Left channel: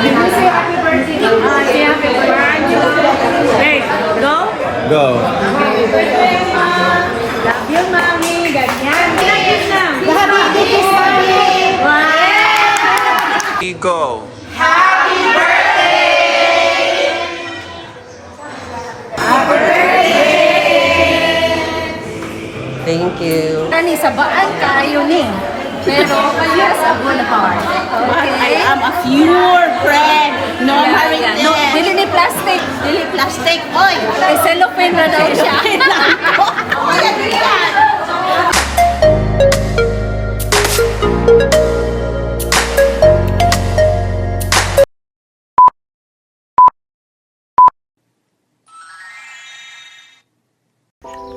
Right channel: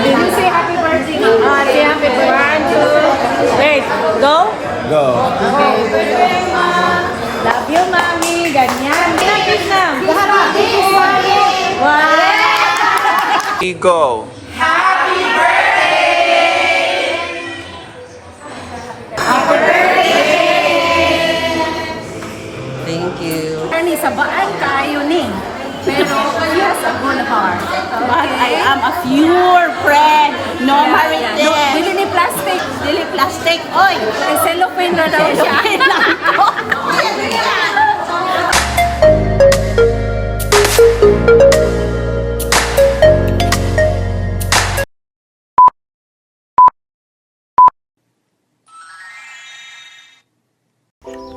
Did you say happy birthday, Mama? Say happy birthday. Hey, go? Go. Happy birthday, Mama. Love you, Mami. Ganyan. Ganyan na. Happy birthday. Wow. Go. Happy birthday. Happy birthday. Thank you. Ani, sabaan kayo ni. Pero, he has a good heart. But I am a pure friend. No marites. No, dili ni plastic. Dili plastic. Oy! Kay cellophane na daw siya.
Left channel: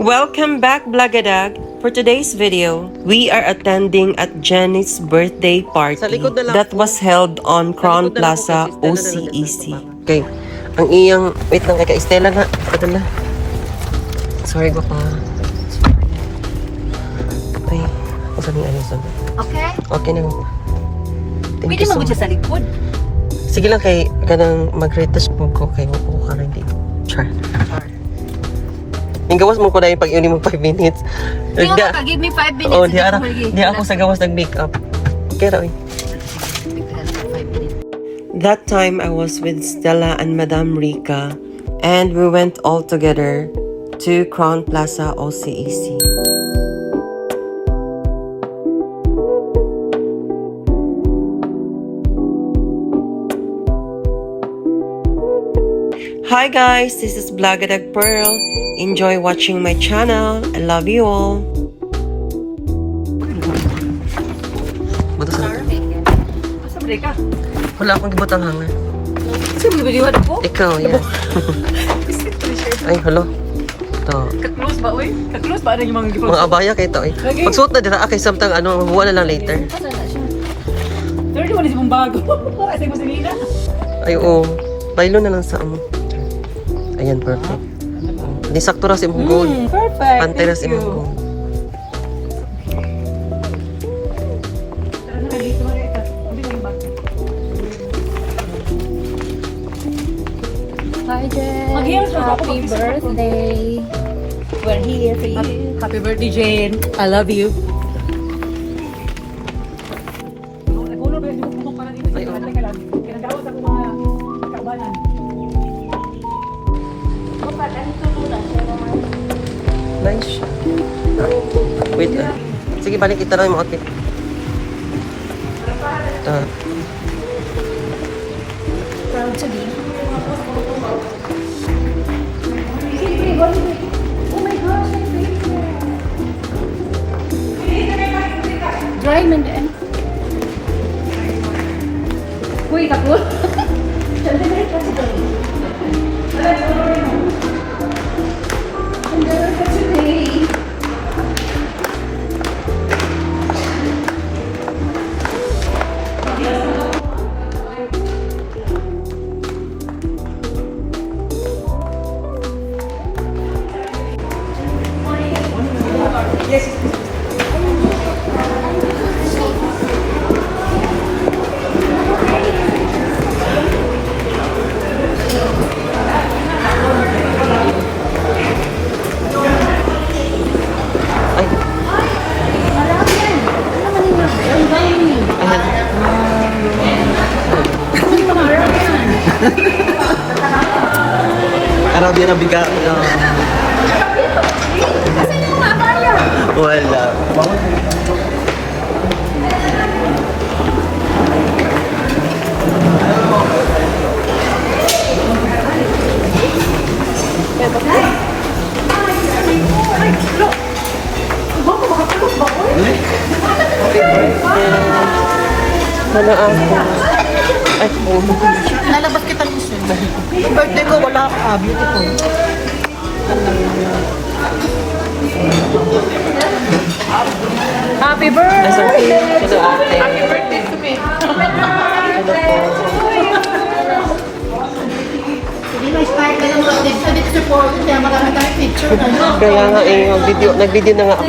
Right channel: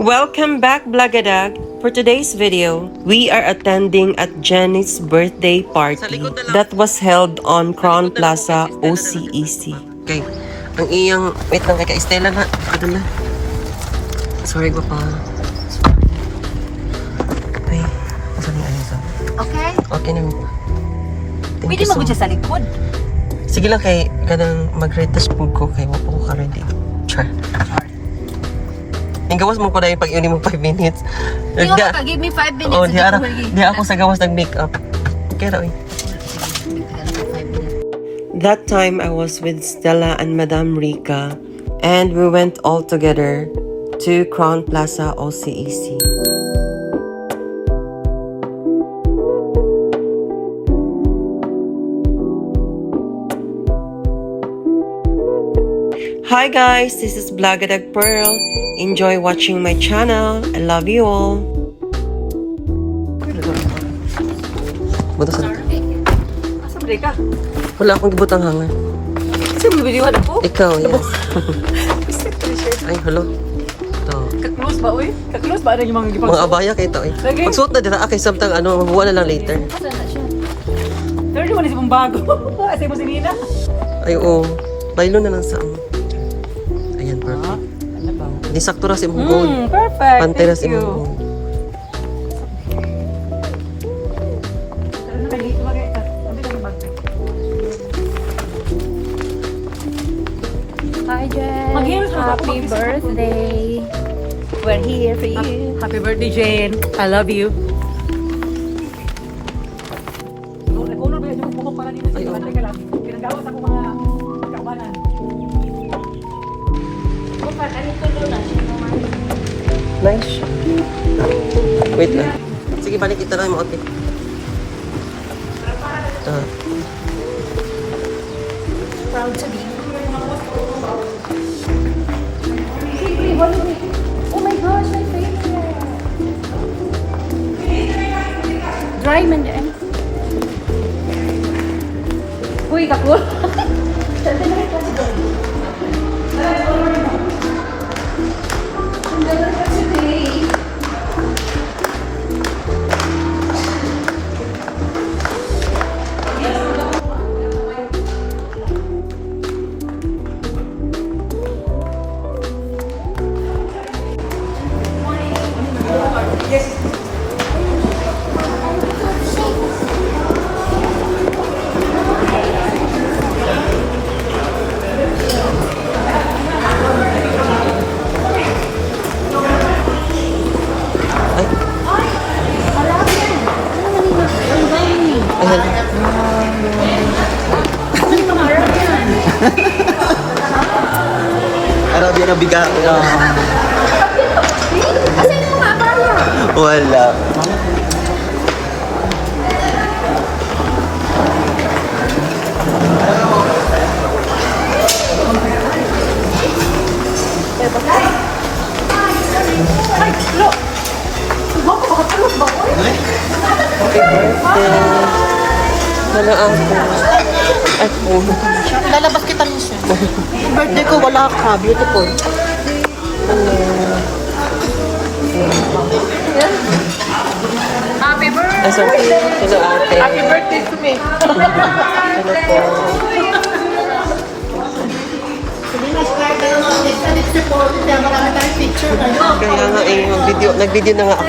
Welcome back, Blagadag. For today's video, we are attending at Jenny's birthday party that was held on Crown Plaza, OCEC. Okay, ang iyang, wait lang kay Estela na, padala. Sorry ba pa? Ay, saan yung ayun, saan? Okay? Okay na. Thank Pwede you so mag-udya much. sa likod. Sige lang kay, kanang mag-retas po ko kay wapo ko ka-ready. Char. Yung gawas mo ko na yung pag-iuni mo 5 minutes. Yung give me 5 minutes. Oh, di ako sa gawas nag-makeup. Okay, raw. That time I was with Stella and Madame Rica, and we went all together to Crown Plaza OCEC. Hi guys, this is Blagadag Pearl. Enjoy watching my channel. I love you all. Asa ba ka? Wala akong gibutang hangar. Sino bibiliwan ako? Ikaw, yes. Ay, hello. Ito. Ka-close ba, uy? Ka-close ba na yung mga gipag... Mga abaya kayo ito eh. Pagsuot na dira, kay samtang ano, mabuha na lang later. Asa na siya? 31 na siya mong bago. Kasi mo si Nina. Ay, oo. Baylo na lang sa amo. Ayan, perfect. Di sakto ra si mong gold. Perfect. Pantay na si mong gold. Hi, Jen. Happy birthday. We're here for you. Happy birthday, Jane. I love you. Ay, oo. Pinagawas ako mga kaubanan. Nice siya. Wait lang. Sige, balik kita lang yung mga outfit. Proud to be. Oh my gosh, my favorite. Dry man din. Uy, katlo. Ay, Arabi ka. Wala. wala ako. Ako. Lalabas kita ng soon. Yung birthday ko, wala ka. Beautiful. Happy birthday! Nasa hello ate. Happy birthday to me! Hello po. Marami tayong picture. Kaya nga eh, nag-video na nga ako.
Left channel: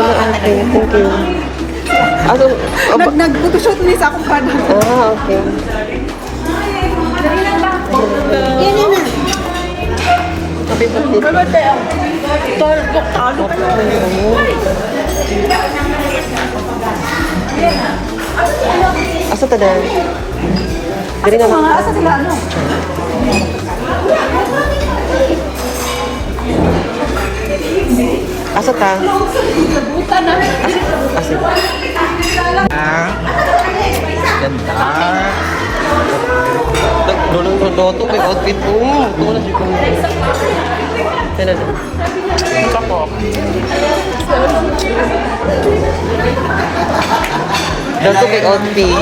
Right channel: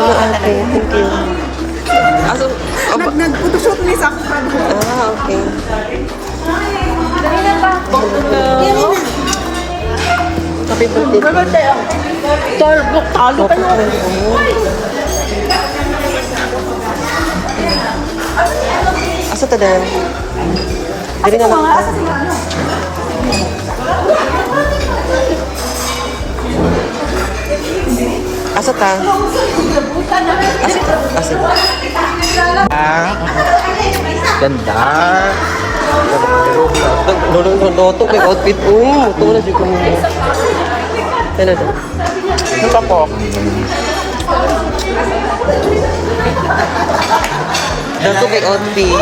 Ay, na ate. Thank you. Aso, Nag-photoshoot ni sa akong fan. okay. Yan na. Happy birthday. Asa ta dan? Diri na lang. Asa sila ano? Asa ta? Buta na. Asa? Ganda. Doto kag outfit mo. Ito na dito mo. Sana na. Ito po. Doto kag outfit.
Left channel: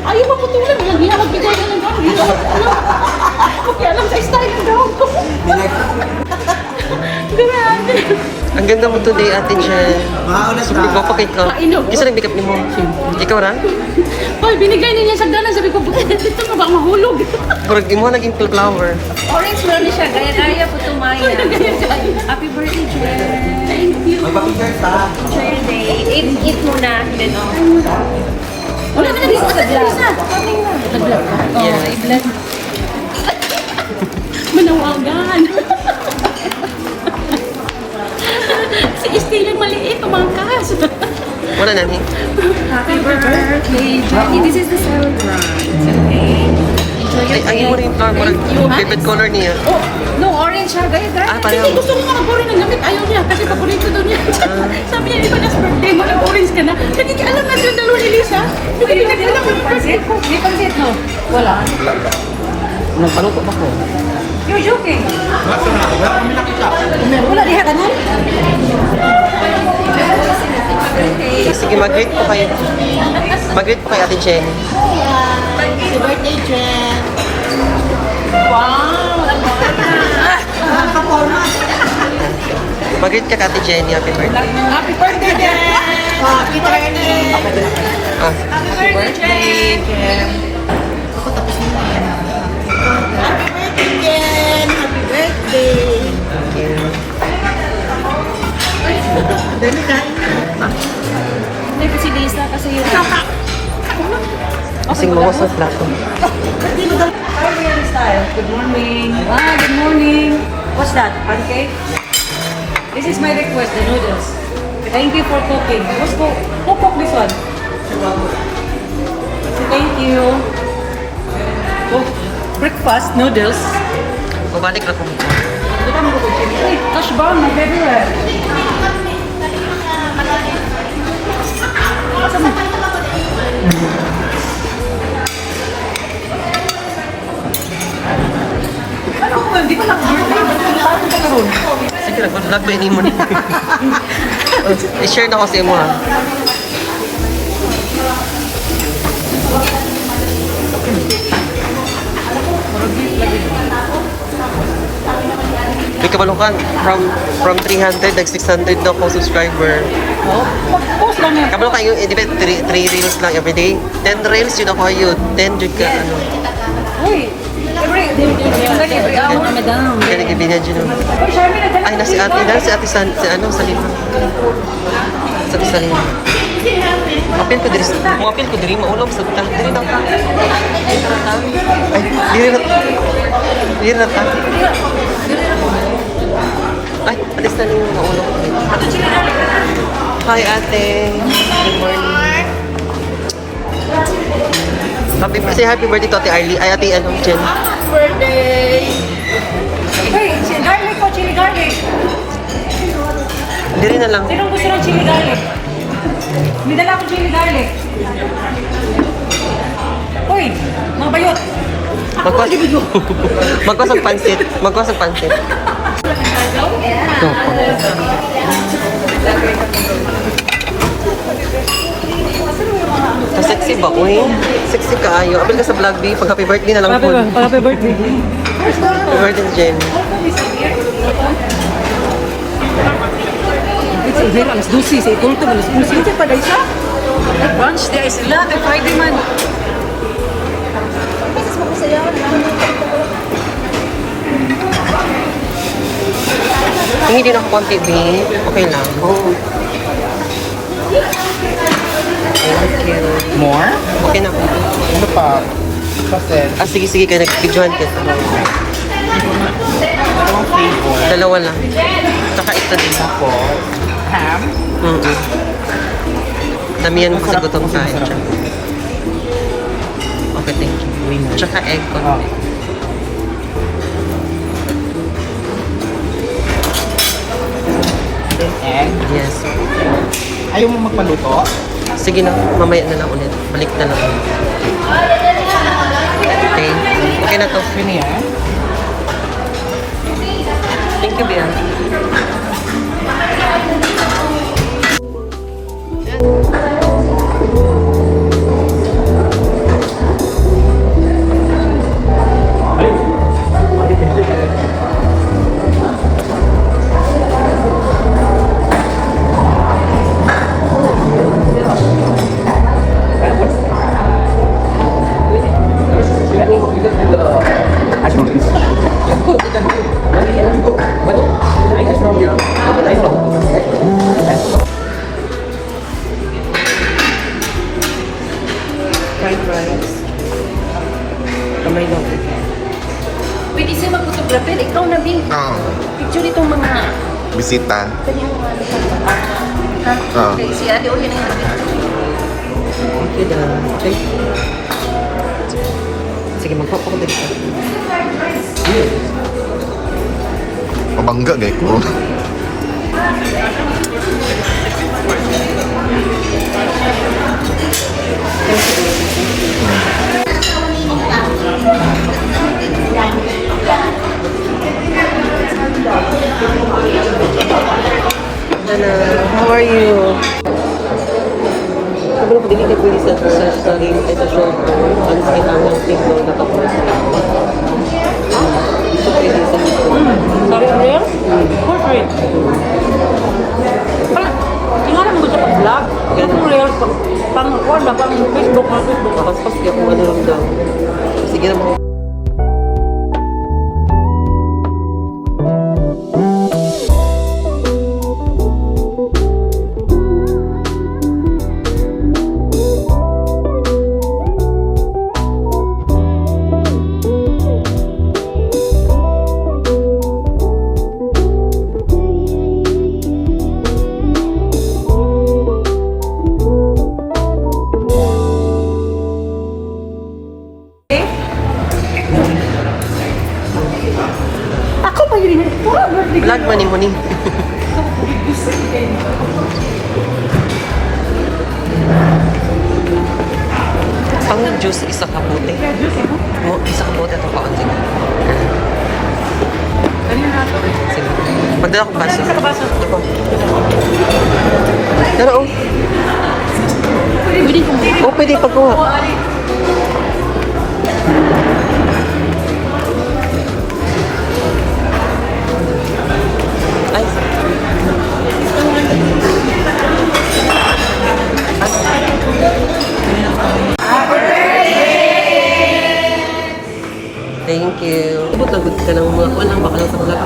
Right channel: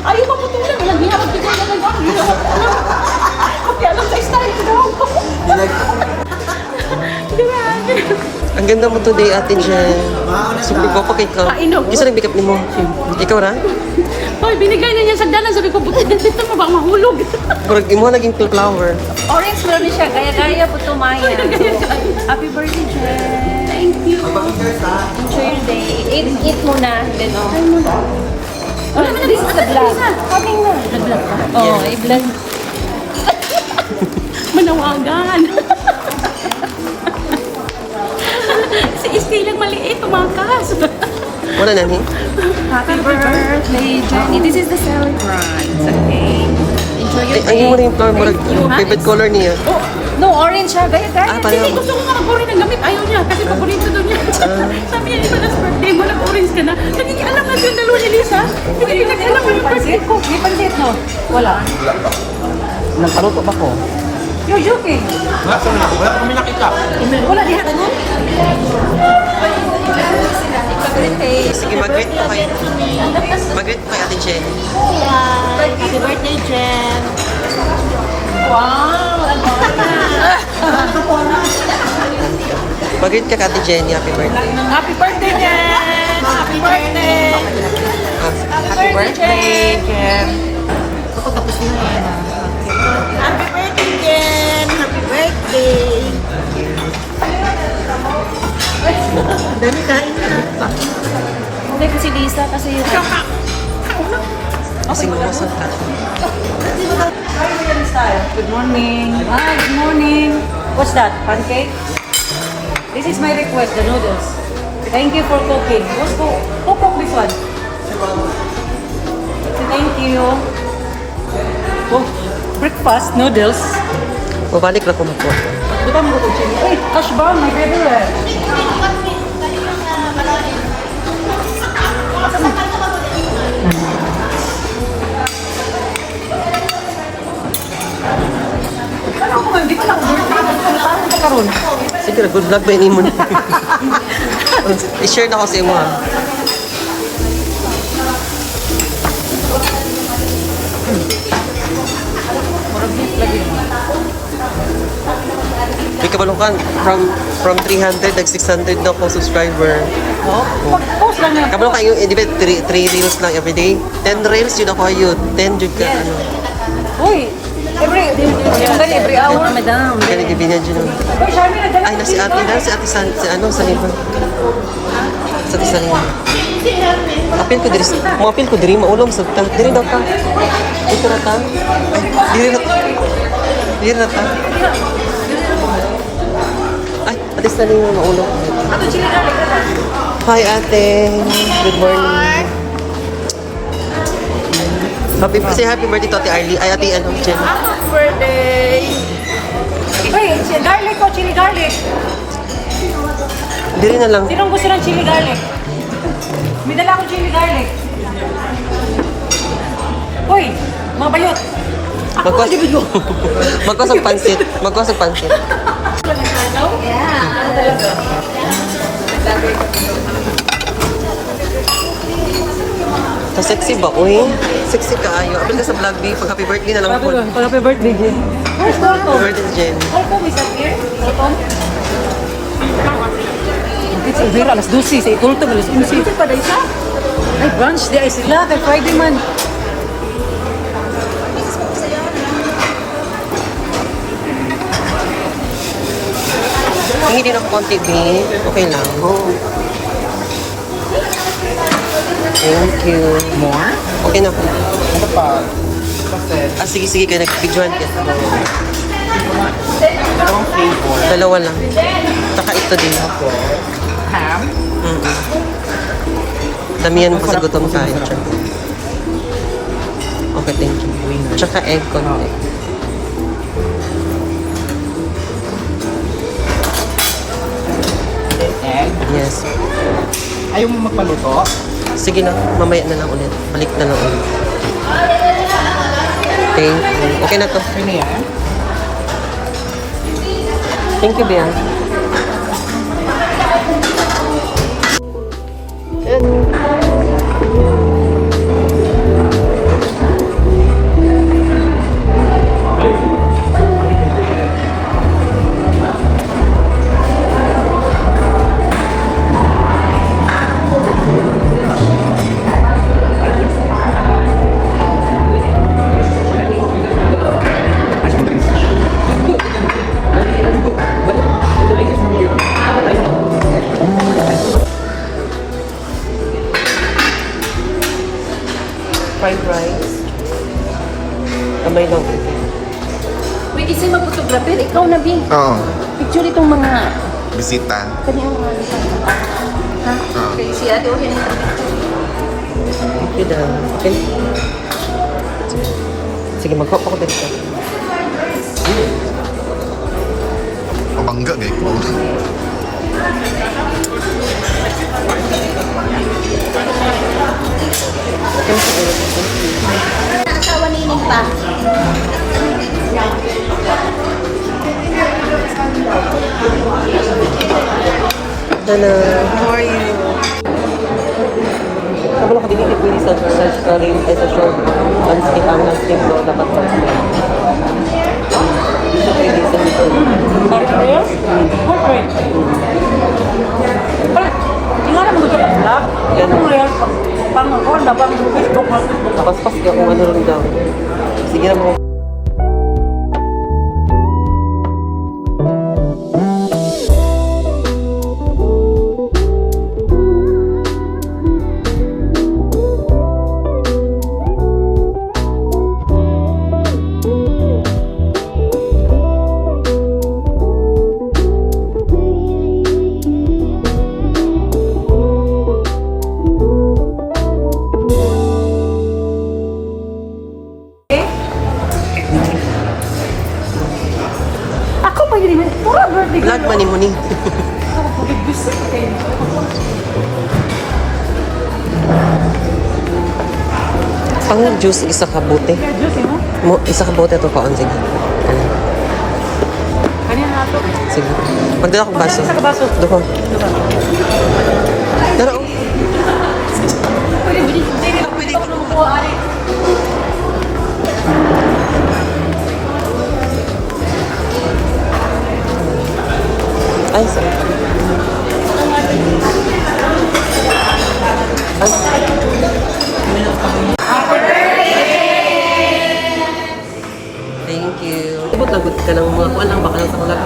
Ayaw maputulan. Walang hiya magbigay ka ng gawin. Alam sa style ng gawin ko. Grabe. Ang ganda mo today, Ate Jen. Super ko kay ka. Kainog. Isa rin pick up ni mo. Ikaw ra? Hoy, binigay na niya sa dalan. Sabi ko, buti dito mo baka mahulog. Murag di mo naging flower. Orange lang siya. Gaya-gaya po ito, Maya. Happy birthday, Jen. Thank you. Enjoy your day. Eat muna. Wala na nabisa. Coming na. Nag-vlog ka? Oo, i-vlog. Manawagan. Si Estela maliit, tumangkas. Wala na ni. Happy birthday, Jenny. This is the celebrant. Okay. Enjoy your Ang day. mo rin flower, murag favorite color niya. Oh, No, orange siya. Gaya-gaya. hindi, gusto ko nga mag-orange ng gamit. Ayaw niya, kasi paborito daw niya. Sabi niya, di ba last birthday mo, nag-orange ka na? Nagkikaalam na yung dalawa ni Lisa. Hindi pinag-alam mo yung birthday ko. May pansit, no? Wala. Nagpaluto ba ko? You're joking. Wala kami nakita. Wala, diha ka na. Sige, mag-greet po kayo. Mag-greet po kay Ate Jen. Happy birthday, Jen. Mag-greet ka kay Ate Jenny. Happy birthday. Happy birthday, Jen. Happy birthday. Ah, Happy birthday, Jen. Happy birthday, Jen. Happy birthday. Hindi kasi Lisa, kasi yung... kasing mawas ang plato. Good morning. Ah, good morning. What's that? Pancake? This is my request, the noodles. Thank you for cooking. Who cooked this one? Thank you. Oh, breakfast, noodles. Mabalik na ko mo. Kita mo ko chili. Ay, hash brown, my favorite. Asa mo? Ano ko, hindi pa lang. Parang pa karoon. Sige, good vlog ba yun mo na? I-share na ko sa imo ha. Marag beef lagi. May kabalungkan, from 300, nag 600 daw ko subscriber. Oh, mag-post lang na. Kabalungkan yung, di ba, 3 reels lang everyday? 10 reels yun ako yun. 10 yun ka, ano. Uy, every hour na madam. Kaya nagibinad yun. Uy, Sharmy, nagdala Ay, ko nasi dito. ate sa ano, sa lima. Sa lima. Apil ko diri, apil ko diri, maulong sa tal. Diri daw pa. Dito na ta. Ay, diri na. Diri na ta. Ay, alis na rin yung maulong. Hi, ate. Good morning. Happy birthday to Ate Arlie. Ay, Ate ano, Jen. Happy birthday! Uy, garlic ko, chili garlic. Diri na lang. Sinong gusto ng chili garlic? May dala akong chili garlic. Uy, mga bayot. Magkwas. Magkwas ang pansit. Magkwas ang pansit. So, sexy ba? Uy, sexy ka ayo. Apil ka sa vlog, di. Pag happy birthday na lang po. Pag happy birthday. Happy birthday, Jen. It's here, alas 12, sa itulto, alas 11. Ito pa dahil sa? Ay, brunch day sila, kay Friday man. Hingi din ako konti, babe. Okay lang. Oo. Thank you. More? Okay na po. Kasi, Sige, kaya nag-videoan kita. dalawang flavor. Dalawa lang. Tsaka ito din. Ako, ham. Damihan mo kasi Masarap gutom po, tayo. masarap. Okay, thank you. Winner. Tsaka egg ko. Egg. Yes. Ayaw mo magpaluto? Sige lang, mamaya na lang ulit. Balik na lang ulit. Thank you. Okay na to. Okay na yan? Thank you, Ben. Fried rice. Kamay lang. Pwede siya mag-photography. Ikaw na, Bin. Oo. Picture itong mga... Bisita. Oo. Si Ate Ohin. Okay lang. Okay. Sige, mag-hop ako dito. Pabangga gay ko. Hello, how are you? Sabi lang ko dili kay pwede sa rin ay sa short. Alis kay Tanya Steve dapat ko. Dito pwede sa dito. Serious? Okay. Nga naman gusto pag-vlog. Ano mo yun? Pang-ako, pang Facebook na Facebook. Tapos na kung ano rin daw. Sige na mo. Ako pa yun. Pura birthday Vlog man mo ni. Pang juice isa ka bote. Isa ka bote to ko ang sige. Sige. Magdala ko baso. Dito. Pero oh. Oh, pwede pagkuha. Ay, sorry. Thank you. Ibot lagot ka ng mga kuwan lang baka lang sa kulak.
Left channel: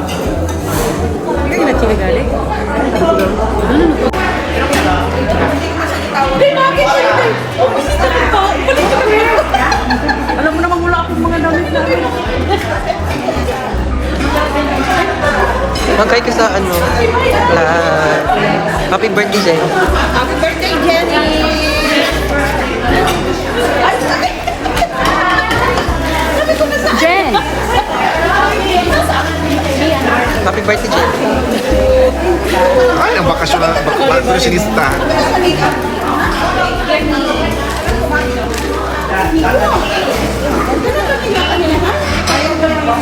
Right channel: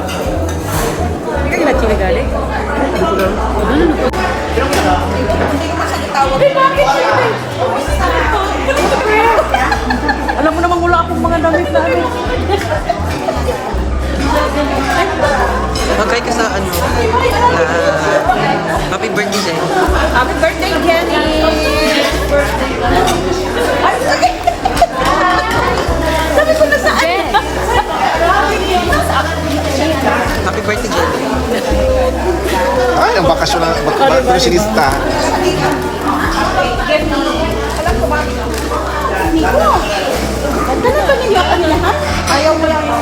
Hindi ka na chili garlic? Dito lang. Hindi, bakit chili? Alam mo naman wala akong mga damit na Magkay ka sa ano? Happy birthday, Jen. Happy birthday, Jenny! Jen! Happy birthday, Jen. Ay, ang bakasyon ng bakasyon Ganda na ba nila kanila, ha? Ayaw mo lang yun.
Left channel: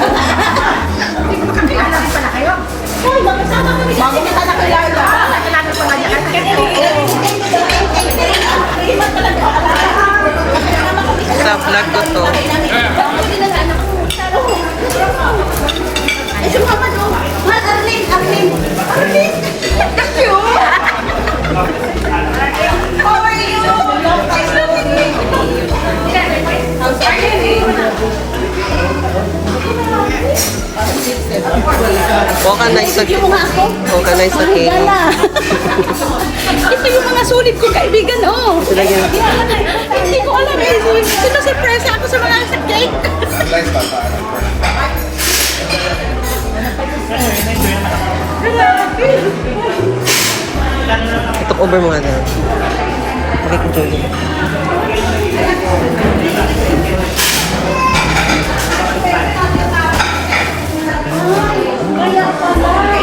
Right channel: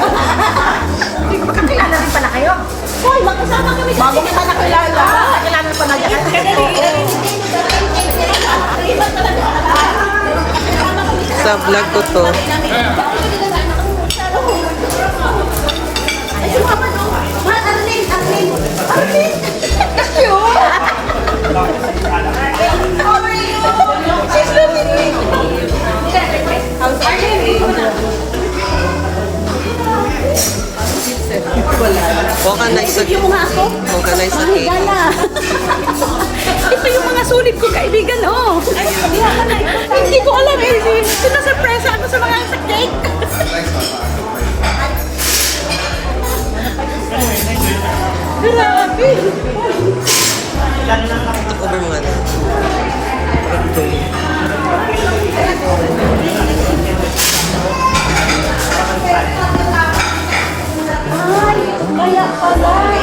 Hindi ko makakilala rin pala kayo. Hoy, magkasama kami. Bago kita nakilala. Nakilala ko na yan. Sa vlog ko to. Ay, sumaman, oh. Ma, Arlene, Arlene. Arlene! Cute! How are you? Nice to meet you. How's Arlene? Huwag ka nice sa Yung mga ako. Huwag ka nice sa cake. Mahigala. Ito yung mga sulit ko, kaibigan, oh. Lagyan. Hindi ko alam eh. Sinusurpresa ako sa mga sa cake. Ito ko ba mo ano?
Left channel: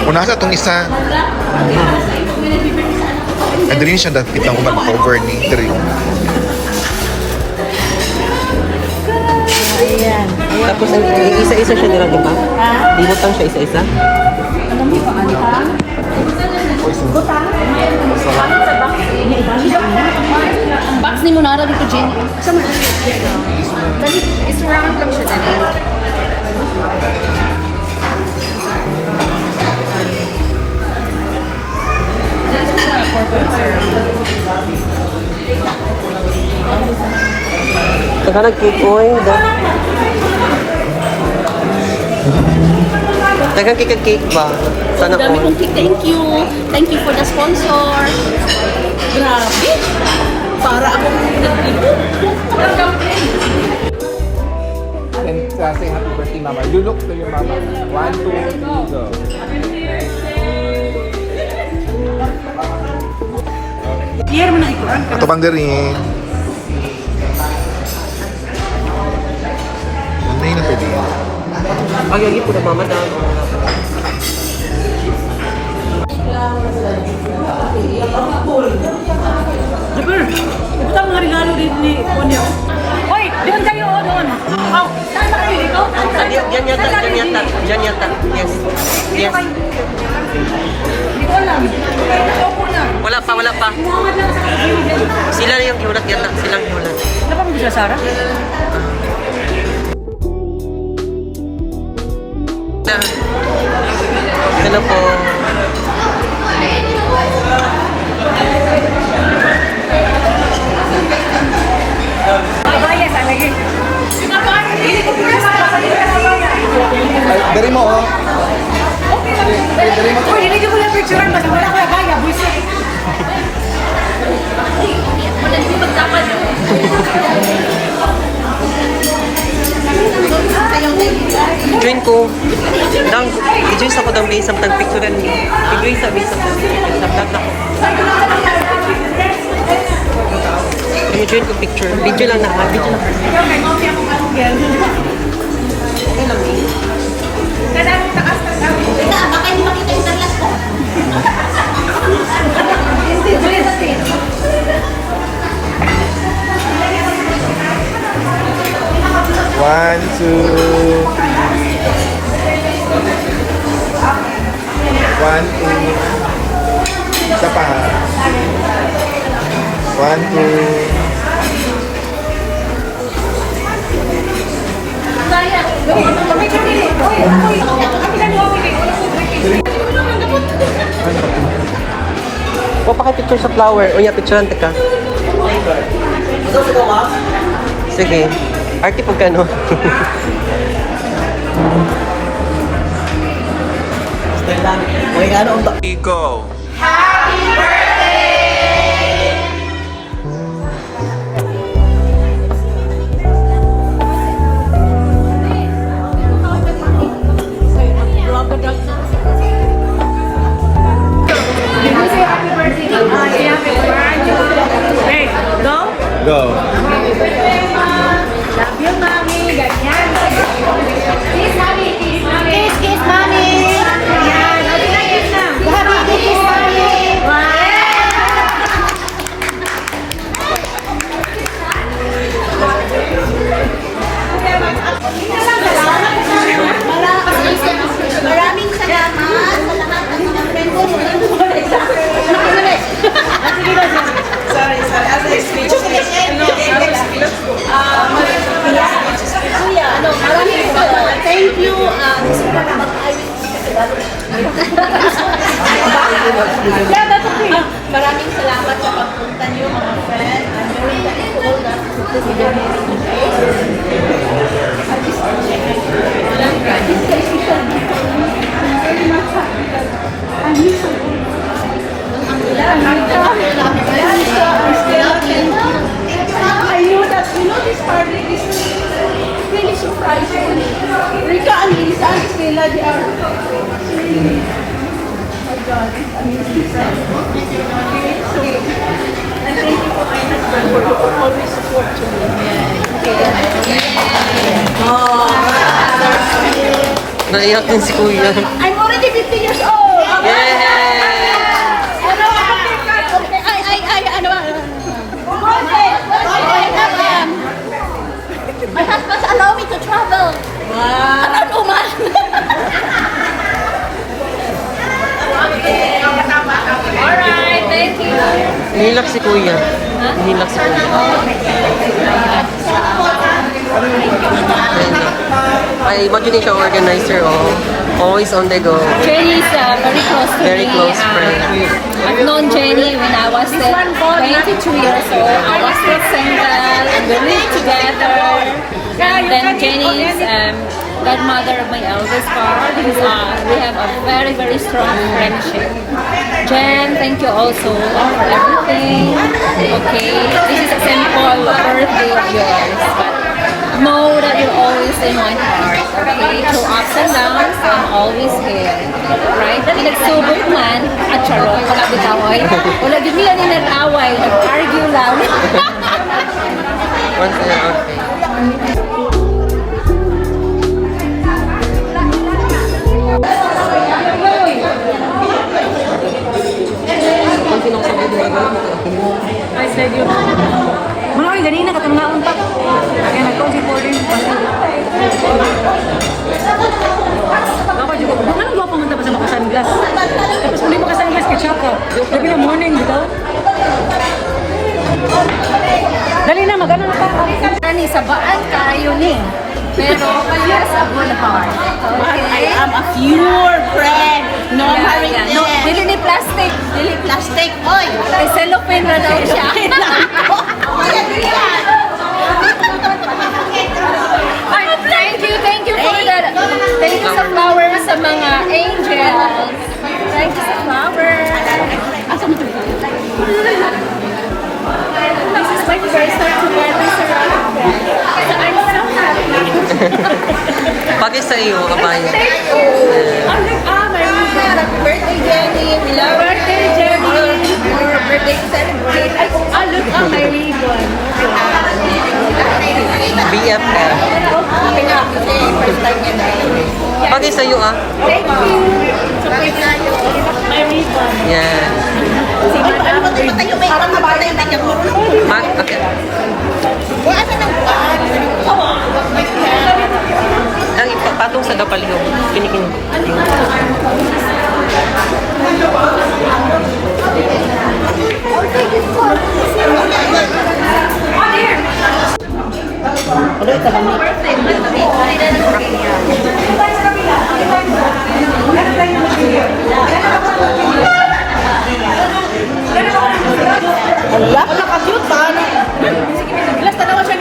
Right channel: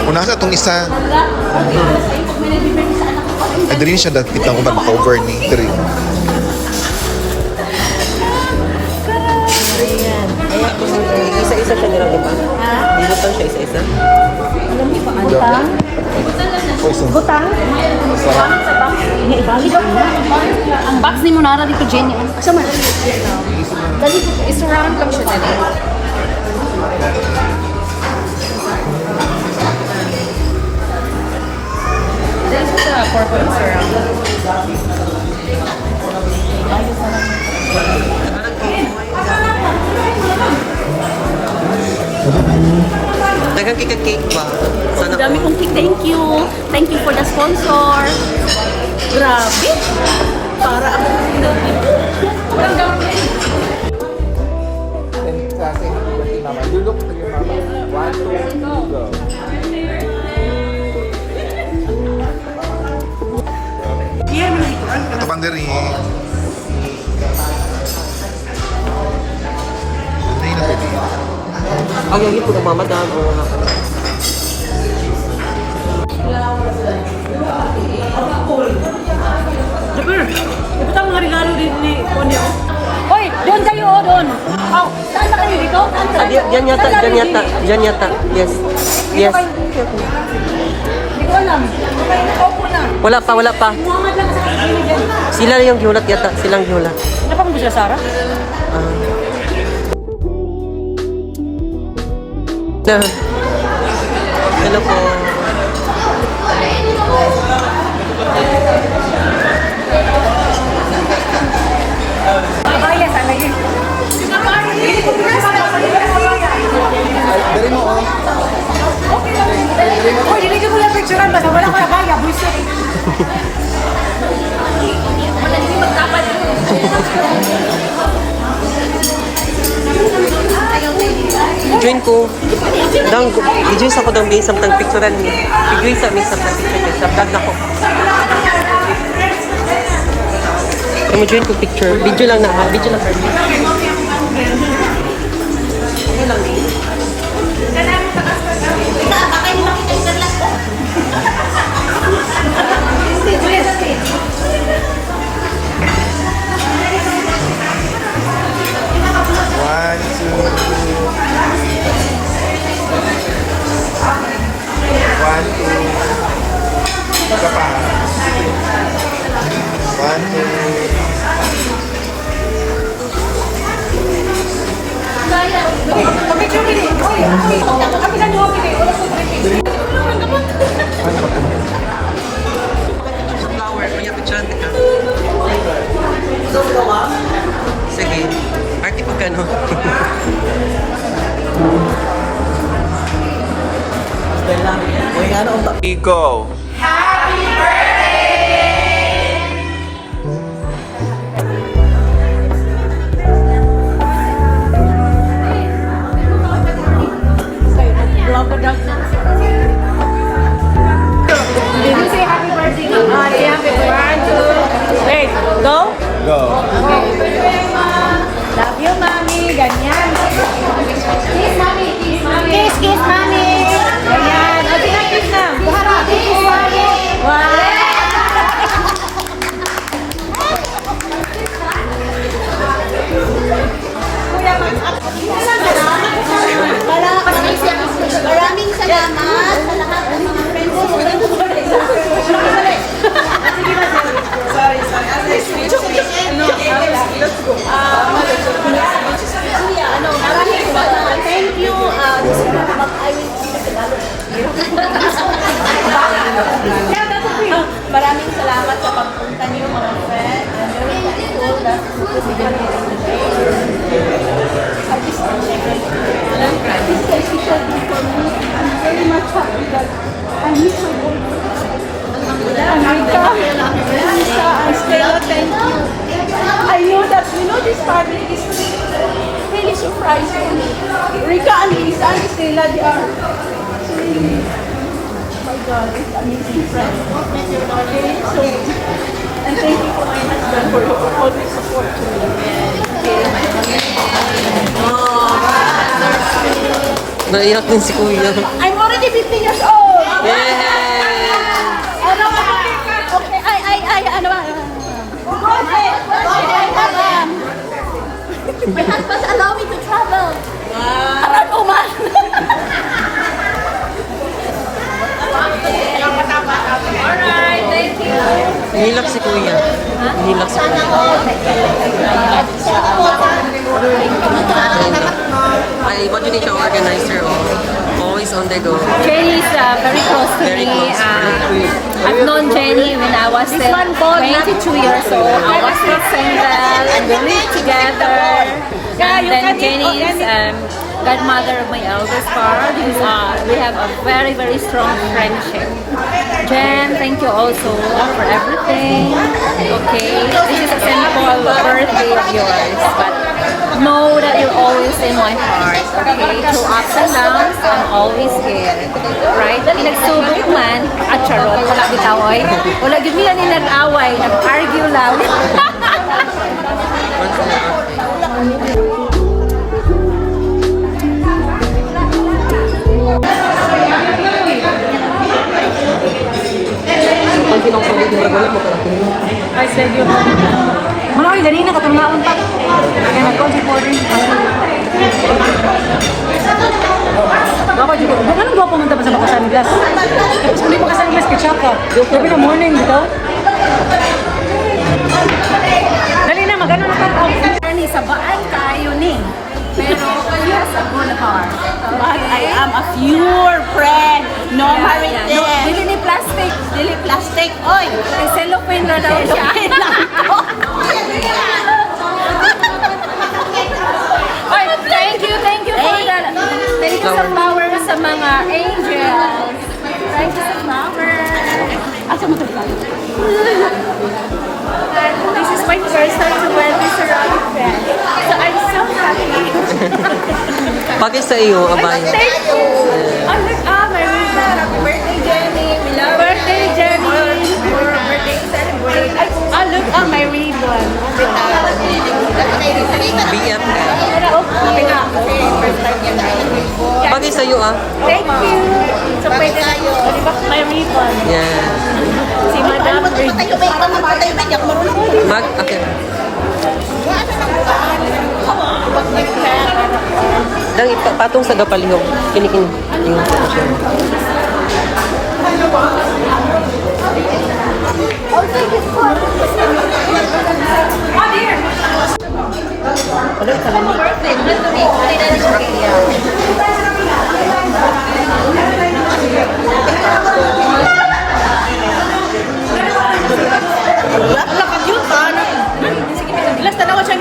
Kung nasa itong isa, ay din siya dapit lang kung ba maka-over ni Drew. Tapos isa-isa siya nila, diba? Dinutang siya isa-isa. Alam mo pa, antang? Butang? Pangit sa box. Naibagi daw na. Ang box ni Monara dito, Jenny. Saan mo? Dali, isurround lang siya dali. Saka nagpupoy. Dagang cake ba? Sana Ang dami all. kong cake. Thank you. Thank you for the sponsor. Grabe. Para akong nagdito. And say happy birthday, mama. You look to your mama. Ito pang diri. Ano yung napili? Ang yagi po mama dahil. Jabir, iputang mga regalo din ni Ponyo. Hoy, doon kayo, doon. Saan na kayo dito? Diyan yata, diyan yata, diyan yata. Yes. Yes. Hindi ko alam. Nakaupo na. Wala pa, wala pa. Muhammad lang sa kaligili dyan. Sila yung giulat yata, silang giulat. Ano pa kung bisa, Sarah? Hello po. Babaya, sana yun. Dari mo, oh. Okay lang. Uy, hindi mo lang picturean. Basta wala ko na baya. Bullshit. Wala hindi magtapad. Join ko. Dang, i-join sa ko dang may samtang picturean ni. I-join sa may samtang ako. Join ko picture. Video lang na. Video lang. Ano lang eh. Baka yung makita yung sarlat ko. Hindi, tuloy sa tin. One, two. One, two. Isa pa. One, two. Baya. Picture nili. Uy, ako kapilan mo. O, pakipicture sa flower. O, yeah, picturean ka. Sige. Arte po ka, no? Go. Did you say happy birthday, Mama? Hey, go. Go. Love you, Mami. Ganyan. Kiss, Mami. Kiss, Mami. Kiss, kiss, mami. Ayan. Kiss na. Kiss, mami. Maraming salamat sa lahat ng mga friends ko. Maraming salamat. Thank you. Gusto ko mag-I will speak Tagalog. Maraming salamat sa pagpunta niyo mga friends. I'm very thankful that you could be here today. This is special day for me. very much happy that I miss her. Lisa and Stella, thank you. I know that, this family is really surprising. Rika and Lisa and Stella, they are really, oh my God, it's amazing. Okay, so, and thank you for my husband for always support to me. Okay. Naiyak din si Kuya. I'm already 50 years old. Yay! Okay, I have my husband allow me to travel around Oman. Alright, thank you. Nilak si Kuya. Nilak si Kuya. Ayun na. Ay, what do you think siya organizer? Oh, always on the go. Jenny is very close to Very me. close friend. I've known Jenny when I was 22 years old. I was still single and we lived together. And then Jenny is godmother of my eldest part. We have a very, very strong friendship. Jen, thank you also for everything. Okay, this is a simple birthday of yours, but know that you're always in my heart, okay? Through ups and downs, I'm always here. Right? Pinagsubok man, at charot, wala bitaway. Wala gid nila ni nag-away, nag-argue lang. Once a year, okay. Pag pinong-pagod na wala mo pala. I said you. Malaki, dali na, katanungaon pa. Kaya nag-call si Porter. Baka juga, baka nang gawa pumunta pa sa Makasanglas. Tapos kung di Makasanglas, ketchup ka. Gabi na morning, bitaw. Dali na, mag-ano na pa. Ni sabaan kayo ni. Pero he has a good heart. But I am a pure friend. No married No, dili ni plastic. Dili plastic. Oy! May cellophane na daw siya. Ay, thank you for that. Thank you sa flowers sa mga angels. Thank you sa flowers. Asa mo ito? This is my first time to wear this around them. So I'm so happy. Pati sa iyo, abaya. I'm like, my ribbon. Happy birthday, Jenny. We love birthday, Jenny. Your birthday to celebrate. I look on my ribbon. BFF. Okay na. Kasi first time niya na. Pati sa iyo, ah. Thank you. So, pwede na yun. My ribbon. Yan. Si Madam Mag, okay. Dang, patong sa dapalihog. Pinikin. Ano ito lamig? Ala, ka-cute ba? Last tanawa siya.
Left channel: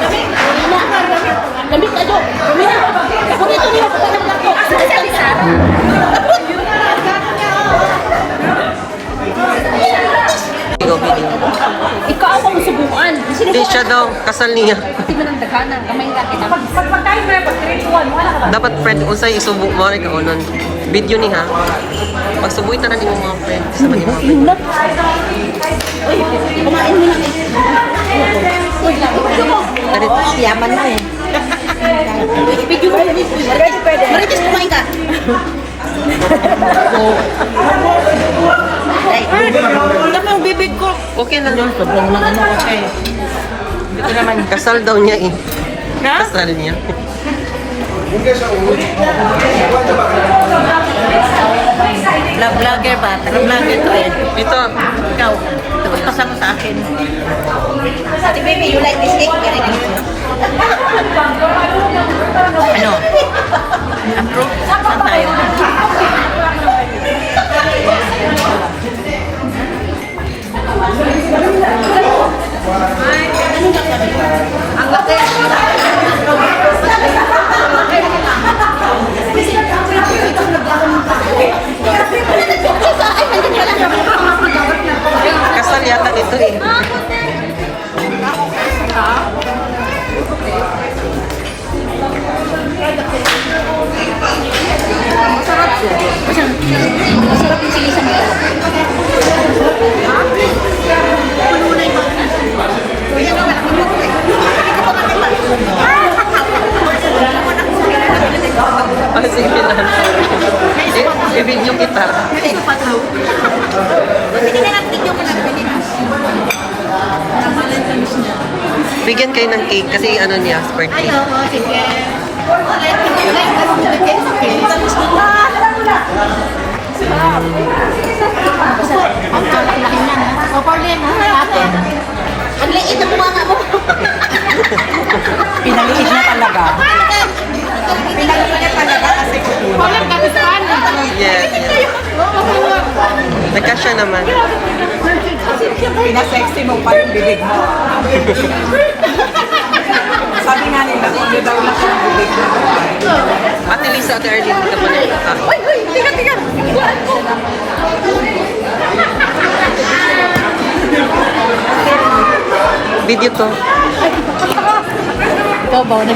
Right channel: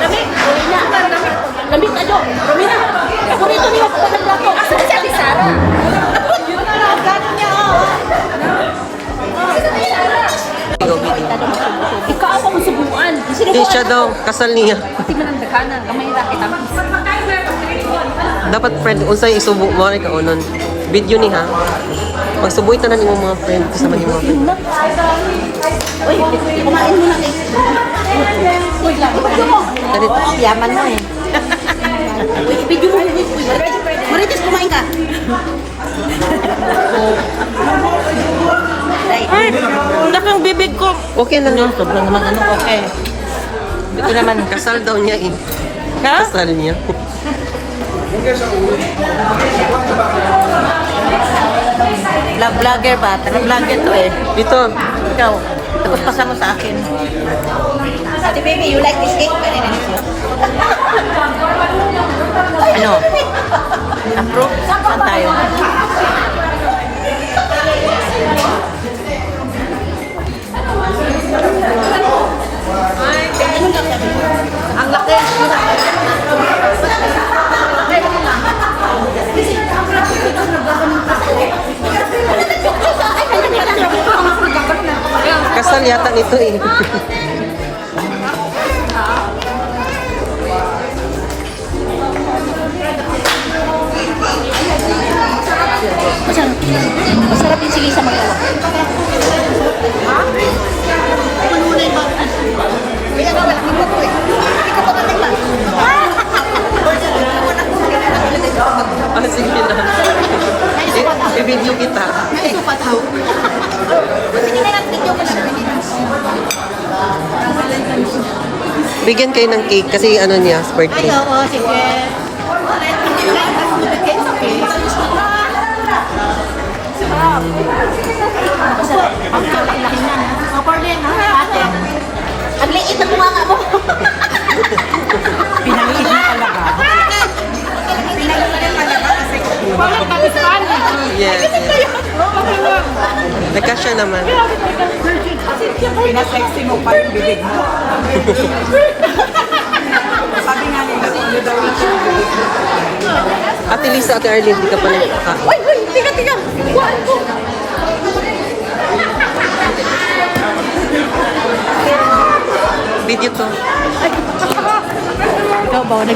Lamig. Romina. Lamig ka, Jo. Romina. Ako rito niyo. Kapag naglato. Ikaw ako masubuan. Hindi siya daw, kasal niya. Hindi mo nang daghanan. Kamay lang kita. Dapat friend, usay isubo mo rin ka onon. Video ni ha. Pagsubuy tanan yung mga friend. Kasama ni mga friend. Uy, kumain mo na. Uy, lang. Ganito. Yaman mo eh. Uy, video mo. Marites, kumain ka. Ay, wala kang bibig ko. Okay lang yun. Sobrang naman ano, okay. Ito naman. Kasal daw niya eh. Ha? Kasal niya. Vlogger ba? Vlogger to eh. Ito. Ikaw, ipagpasan mo sa akin. Ate baby, you like this cake? Very nice. Ano? Approve? Saan tayo? Ang laki. yata nito eh. Masarap yung sili sa magawa. Ah, sige lang. I-video kita. Bigyan kayo ng cake kasi ano niya, birthday. Oo, sige. It's okay. Ang laki na, ha? O, Corlin, ha? Ate. Ang liit ng mga mo. Pinaliit na talaga. Corlin, kapispan. Yes, yes. Nagkasya naman. Pinasexy mo pa yung bibig mo. Sabi nga nila, kung daw na siya yung bibig mo. Ate Lisa, Ate Arlene, hindi ka pa nagkaka. Uy, uy, tiga. Video to. Ikaw ba?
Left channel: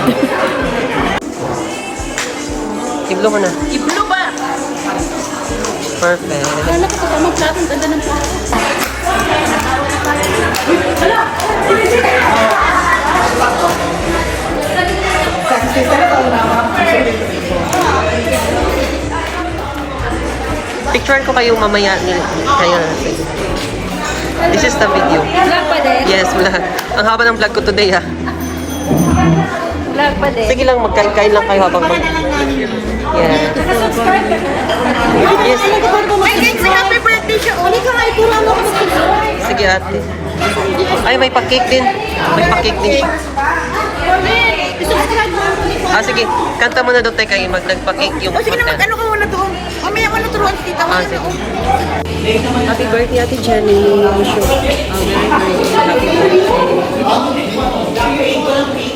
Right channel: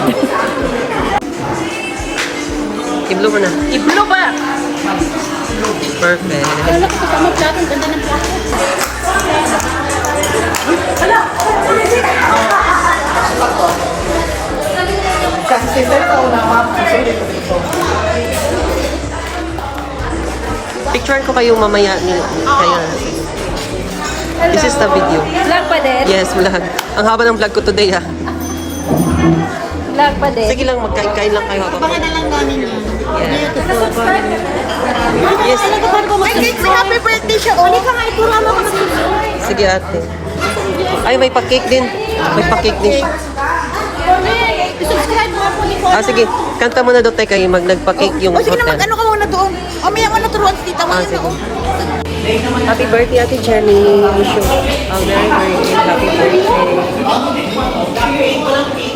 Iblo mo na. Iblo ba? Perfect. Kala ko kasama plato. Ang ganda ng plato. Picturean ko kayo mamaya ni kaya. This is the video. Vlog pa din? Yes, vlog. Ang haba ng vlog ko today ha. Vlog pa din? Sige lang, magkain-kain lang kayo habang mag... Yeah. Yes. Happy birthday siya. Uli ka nga, ikura mo ka mag-subscribe. Sige ate. Ay, may pa-cake din. May pa-cake din siya. Subscribe mo ako ni Ah, sige. Kanta mo na doon tayo kayo. Nagpa-cake yung Sige na, hotel. mag-ano ka muna doon. Mamaya ko na turuan si tita mo. Ah, sige. Happy birthday, Ate Jenny. Wish you a very, very happy birthday.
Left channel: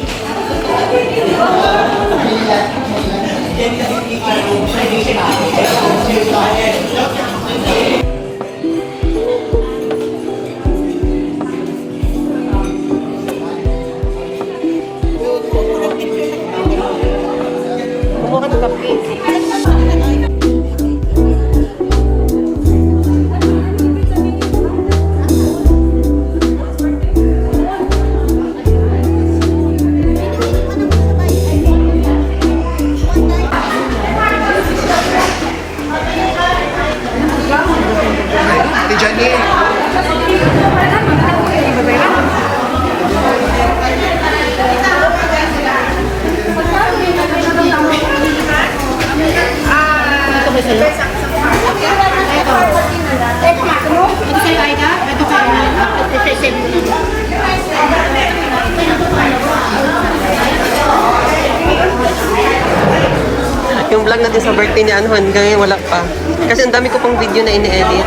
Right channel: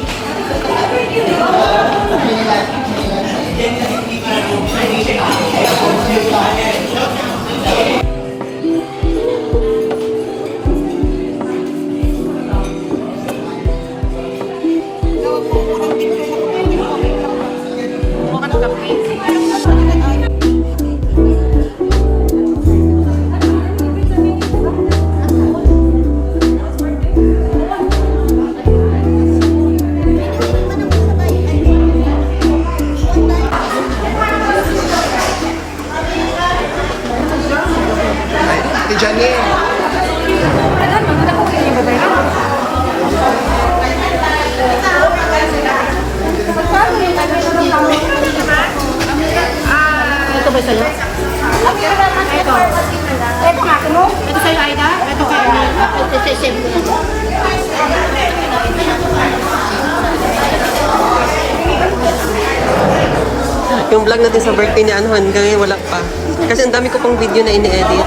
Ate Jenny. Ito ba sa'yo? Ito. Ito nga, mo? Ito sa'yo, Aida? Ito sa'yo. Ito sa'yo. Yung vlog natin sa birthday ni Anuhan, ngayon wala pa. Kasi ang dami ko pang video na ini-edit.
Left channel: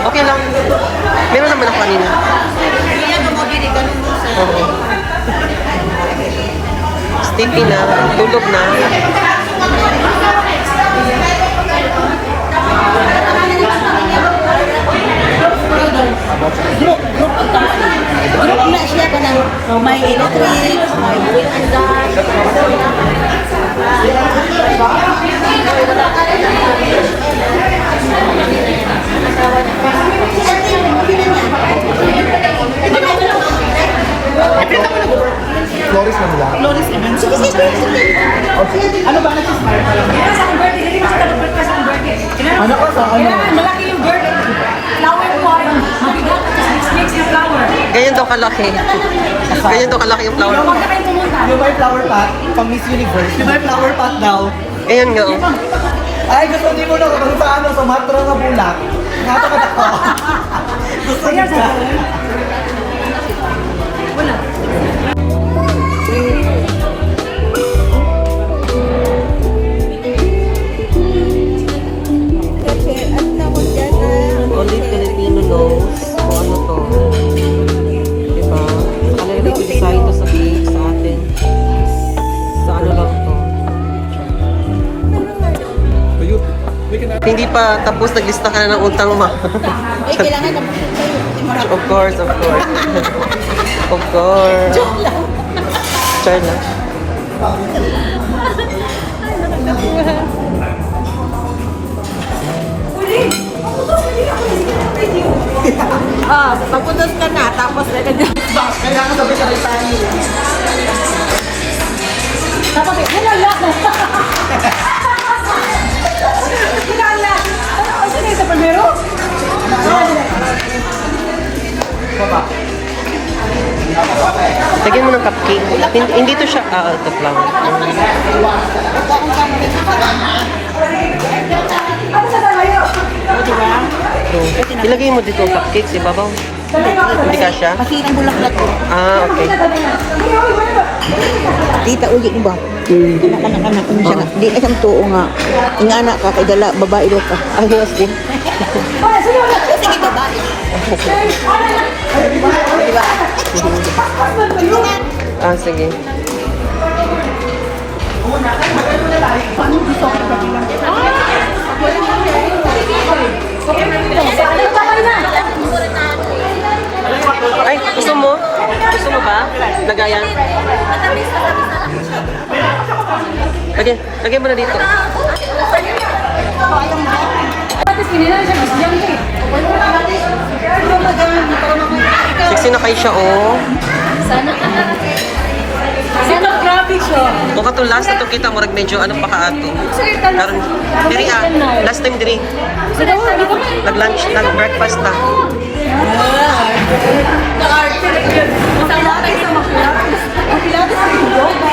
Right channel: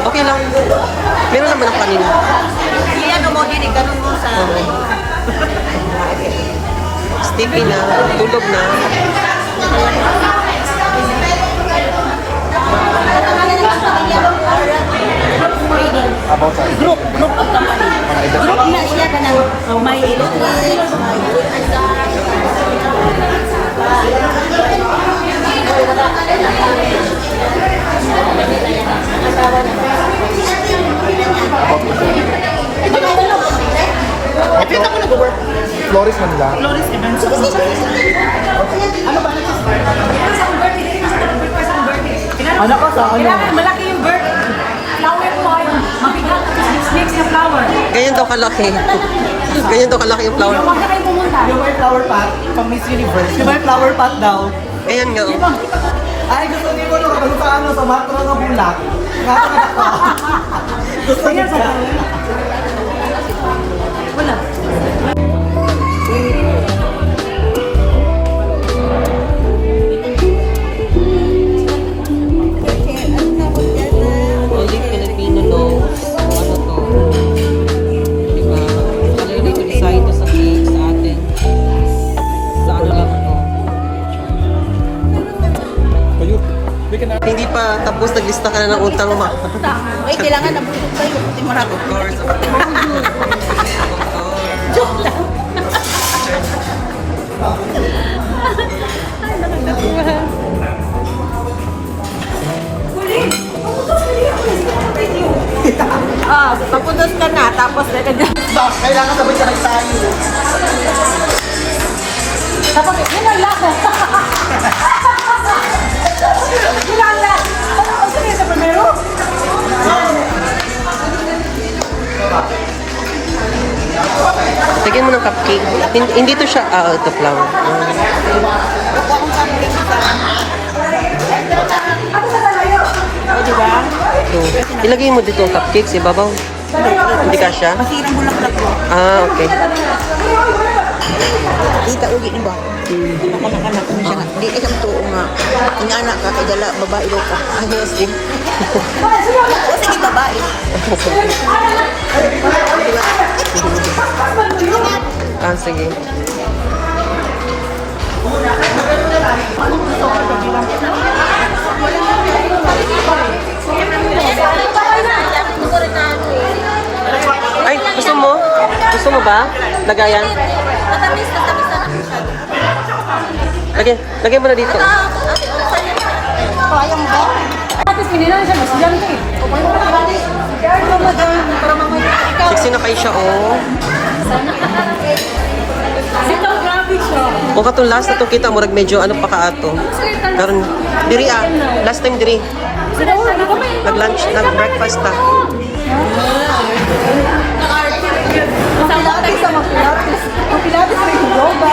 Okay lang. Meron naman ako kanina. Oo. Sticky na. Tulog na. Group of company. Group na siya ka ng may electric, may Flores na nila. Flores Events. Ano ka sa ano? Kailangan malaki yung bird. Flower pot. Mabigat at mix yung flower. Ganyan daw kalaki. Ganyan daw kalaki yung flower. Huwag na kayo pumunta. Yung may flower pot, pang Miss Universe. Yung may flower pot daw. Ayan nga oh. Ay, gusto niyo mo na kung sa ano, sa matro na bulak. Nakakatak ko. Gusto niyo sa... Only Filipino knows kung ano to. Diba? Already ko design to sa cake sa atin. Sa ano lang to. Kayo, we can Thank hindi pa tapos, naglista ka na ng utang mo. Ay, kailangan na busog tayo. Hindi marami. Of course, of course. Of course. Joke lang. Sorry na. Ay, nakakatuwa. Papuntos ka na, tapos Kailangan sabay-sabay tayo. Tapos, yun ang lock. Yun ang lock. Ay, sino yung sa primero? Lagyan mo ng cupcake. Hindi to siya, ito flower. Huwag akong camping ka. O, diba? True. Ilagay mo dito ang cupcakes, ibabaw. Hindi ka siya? Masirang bulaklak ko. Ah, okay. Dito, ugi ni ba? Di ka siyang tuo nga. Ingana ka, kay dala, babae daw ka. Ah, yes, din. Sige, babae. Ah, sige. Ay, gusto mo? Gusto mo ba? Lagayan? Lagay mo na dito. Tapos, pinilang siya, mas young eh. Sexy na kayo siya, oh. Sino, grabe siya. O katong last na to kita, murag medyo ano pa ka ato. Karon diri last time diri. Sino, hindi ka may. Nag-lunch, nag-breakfast na. Masama tayo sa mga pilates. Ang pilates ay yung yoga.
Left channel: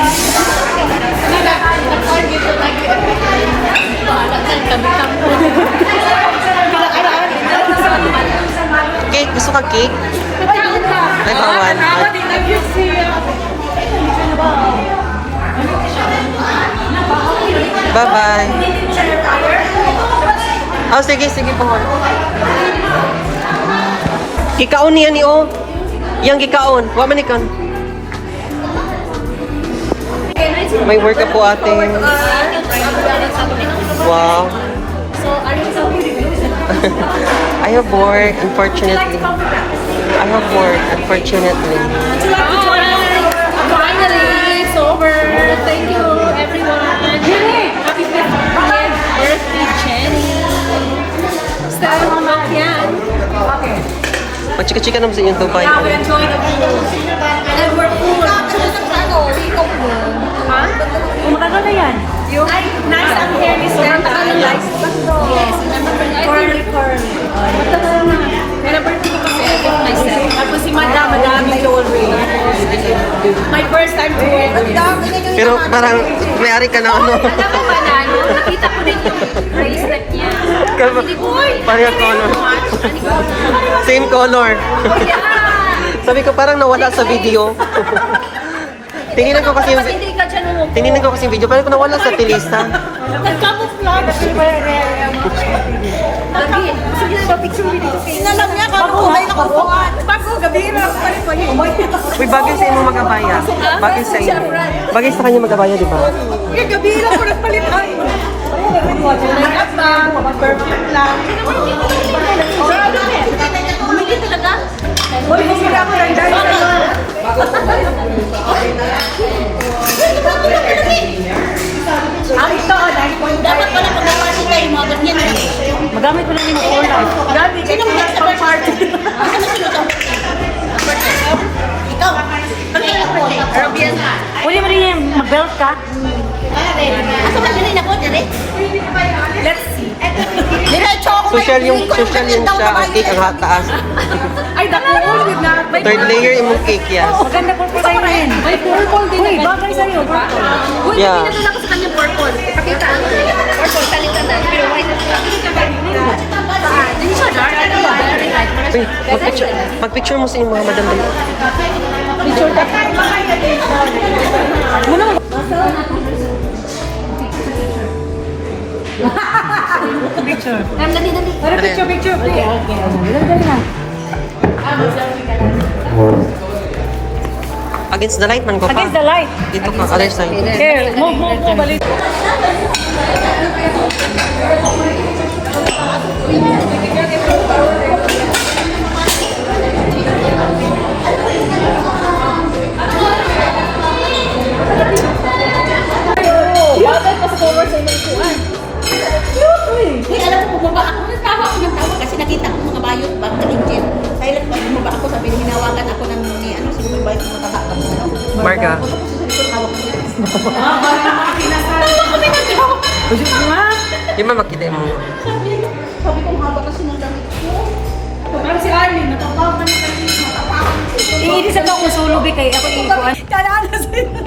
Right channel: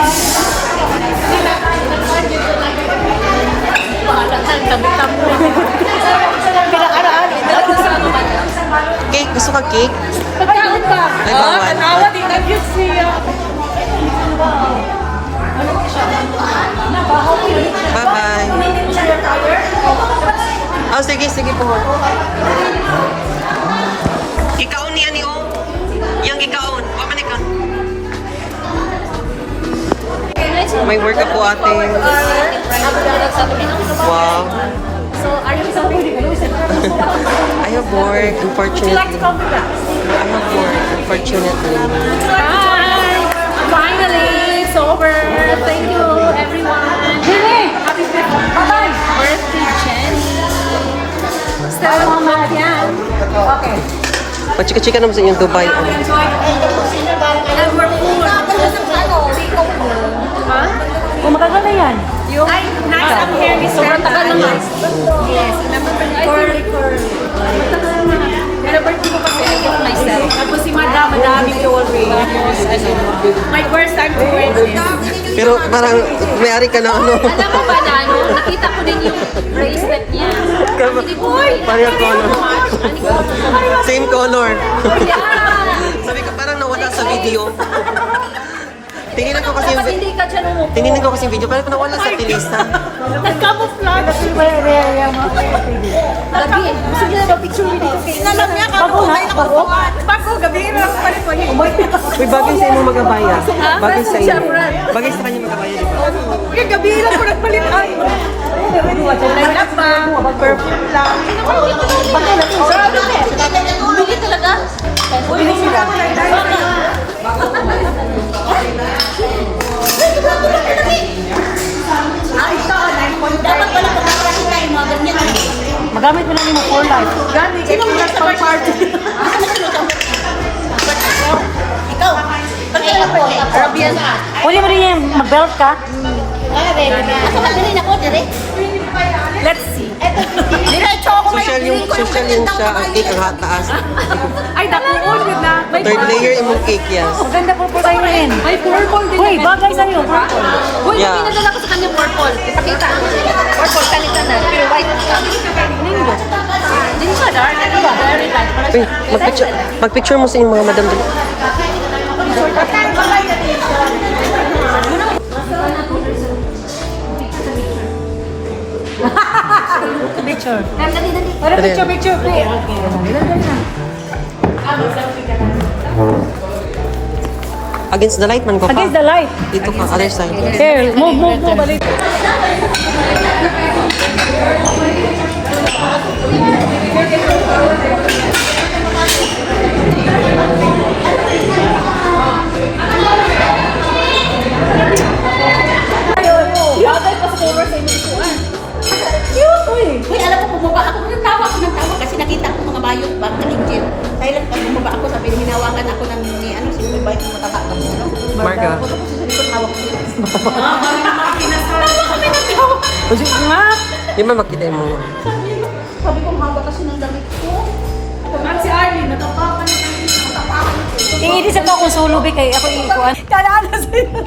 Cake, gusto ka cake? Ay, bawal. Bye-bye. Oh, sige, sige po. Gikaon niya ni O. Yang gikaon. Wa man ikan. May work ka po ate. Wow. So, are you excited? I have work, unfortunately. I have work, unfortunately. Bye! Finally, it's over. Thank you, everyone. Happy birthday, Jenny. So, yan. Pachika-chika naman sa inyong Dubai. Ano? And we're full. Magaganda yan. Ay, nice ang hair ni Sir. Nice. Yes, remember when I Curly, curly. matagal na. Kaya birthday ko kasi I bought myself. Tapos si Madam, madaming jewelry. My first time to wear this. Pero parang may-ari ka na ano. Alam mo ba na, nakita ko din yung bracelet niya. Pareho color. Same color. Sabi ko parang nawala sa video. Tinignan ko kasi yung video, pero kung nawala sa pilista. Nag-camouflage. Inalam niya ka, kulay na kukuhan. Bago, gabi na ako palit ko yun. Uy, bagay sa inyo magabaya. Bagay sa inyo. Bagay sa kanya magabaya, di ba? Gabi lang ko nagpalit. Ay, Nag-up ba? perfume lang. Bumili talaga? Dapat pala pag-party tayo mga ganyan. Magamit mo lang yung phone light. Sino mo sa birthday? Kasi masunod ang birthday. Ikaw. Kaya po, Caribbean. Huli mo rin yan. Mag-belt ka. Kasi tagalin ako, dire. Let's see. Diretso ako Social yung siya, ang cake ang taas. Ay, dakuon yun na. Third layer imong cake, yes. Ang ganda po po kayo rin. May purple din. Uy, bagay sa'yo. Uy, Yeah. pinadala ko sa kanya purple. Ipakita ko. Purple, kalitan na. Pero white. Hindi siya daw. Uy, mag-picture mo sa inyong mga madam. Picture ka. Picture. Dali. Para picture, picture. Okay. Dali na. Against the light man ko pa. Against the light. Dito ka, other side. Here, move, balik. Hinawakan ako ng ni ano, siguro may bike mo mataba ka mo. Marga. Ako sa likod hawak ko. Di ba makita mo? Sabi ko, haba kasi ng damit ko. Parang si Arlene, natapakan niya kanina. Natapakan niya. Iinis ako kung sulubi kay ako iikuan. Kalaala sila.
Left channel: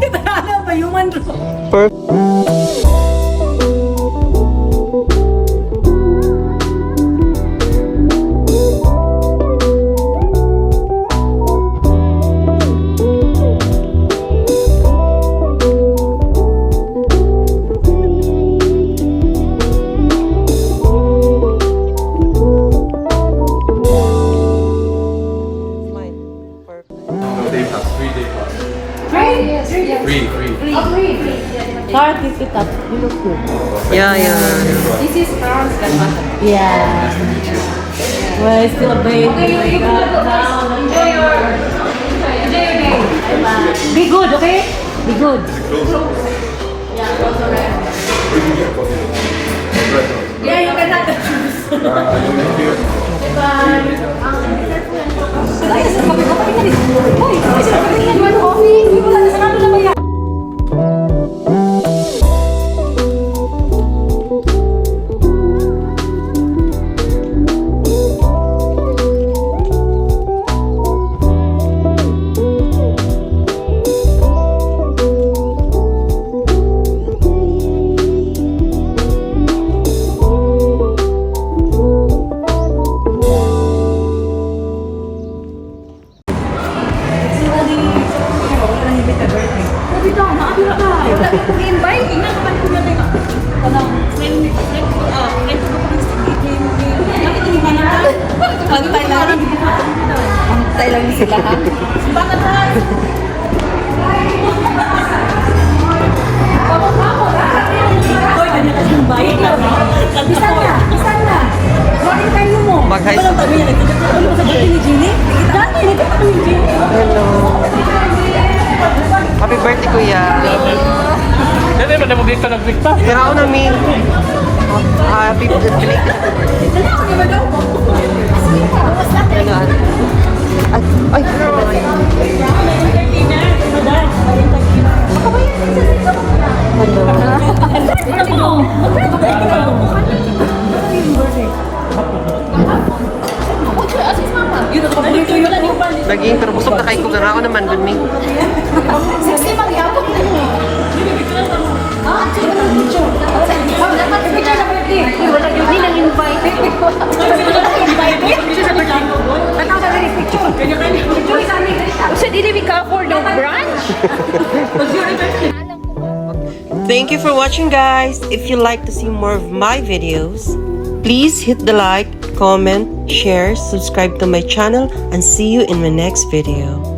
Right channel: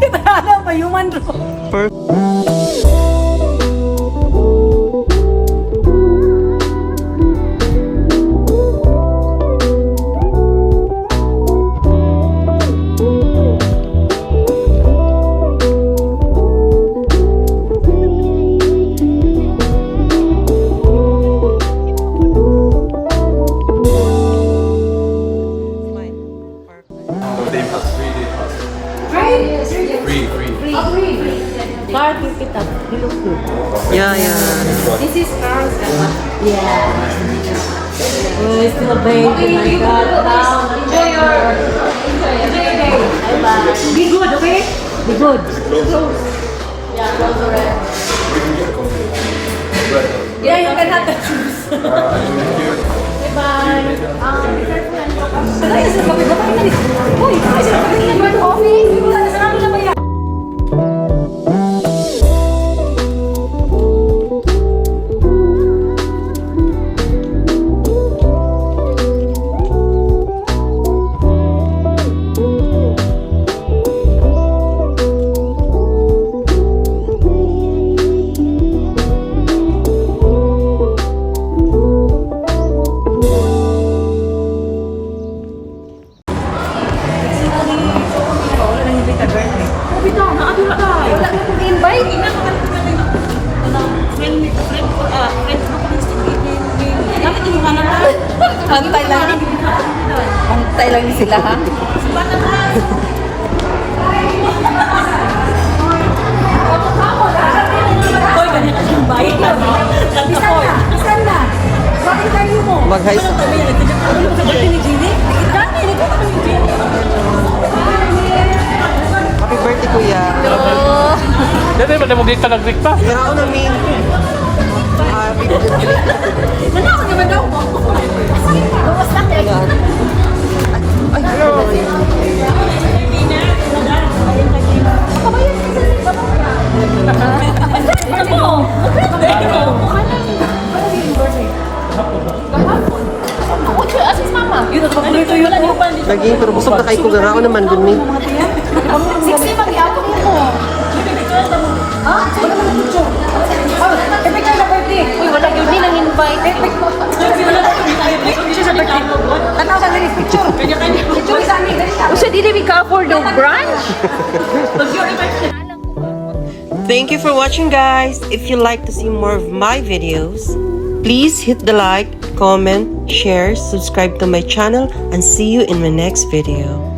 Kalaala pa, human draw. Day pass, 3-day pass. Free. Hard is it up. You look good. Yeah. This is Carl's grandmother. Yeah. Nice to meet you. Well, it's still a baby. Be good, okay? Be good. Yeah, you can have the Antay lang. Antay lang sila ha. Hoy, ganyan kasi yung bayit na. Saan na? Bakit kayo mo? Mag-high Walang kami yan. Ano sa birthday ni Jeannie? Dati, Hello. Happy birthday, kuya. Dati ba mo dito nag-week pa? Pero ako namin. Happy birthday. Ay, Yun, ang paborito yun. lagi, pero busog na kayo kung ako naman, good me. 60 magyabot mo. Picture sa birthday. Uy, wala yung hindi nang invite. So, did we cover the brunch? Thank you for watching, guys. If you like to see more of my videos, please hit the like, comment, share, subscribe to my channel, and see you in my next video.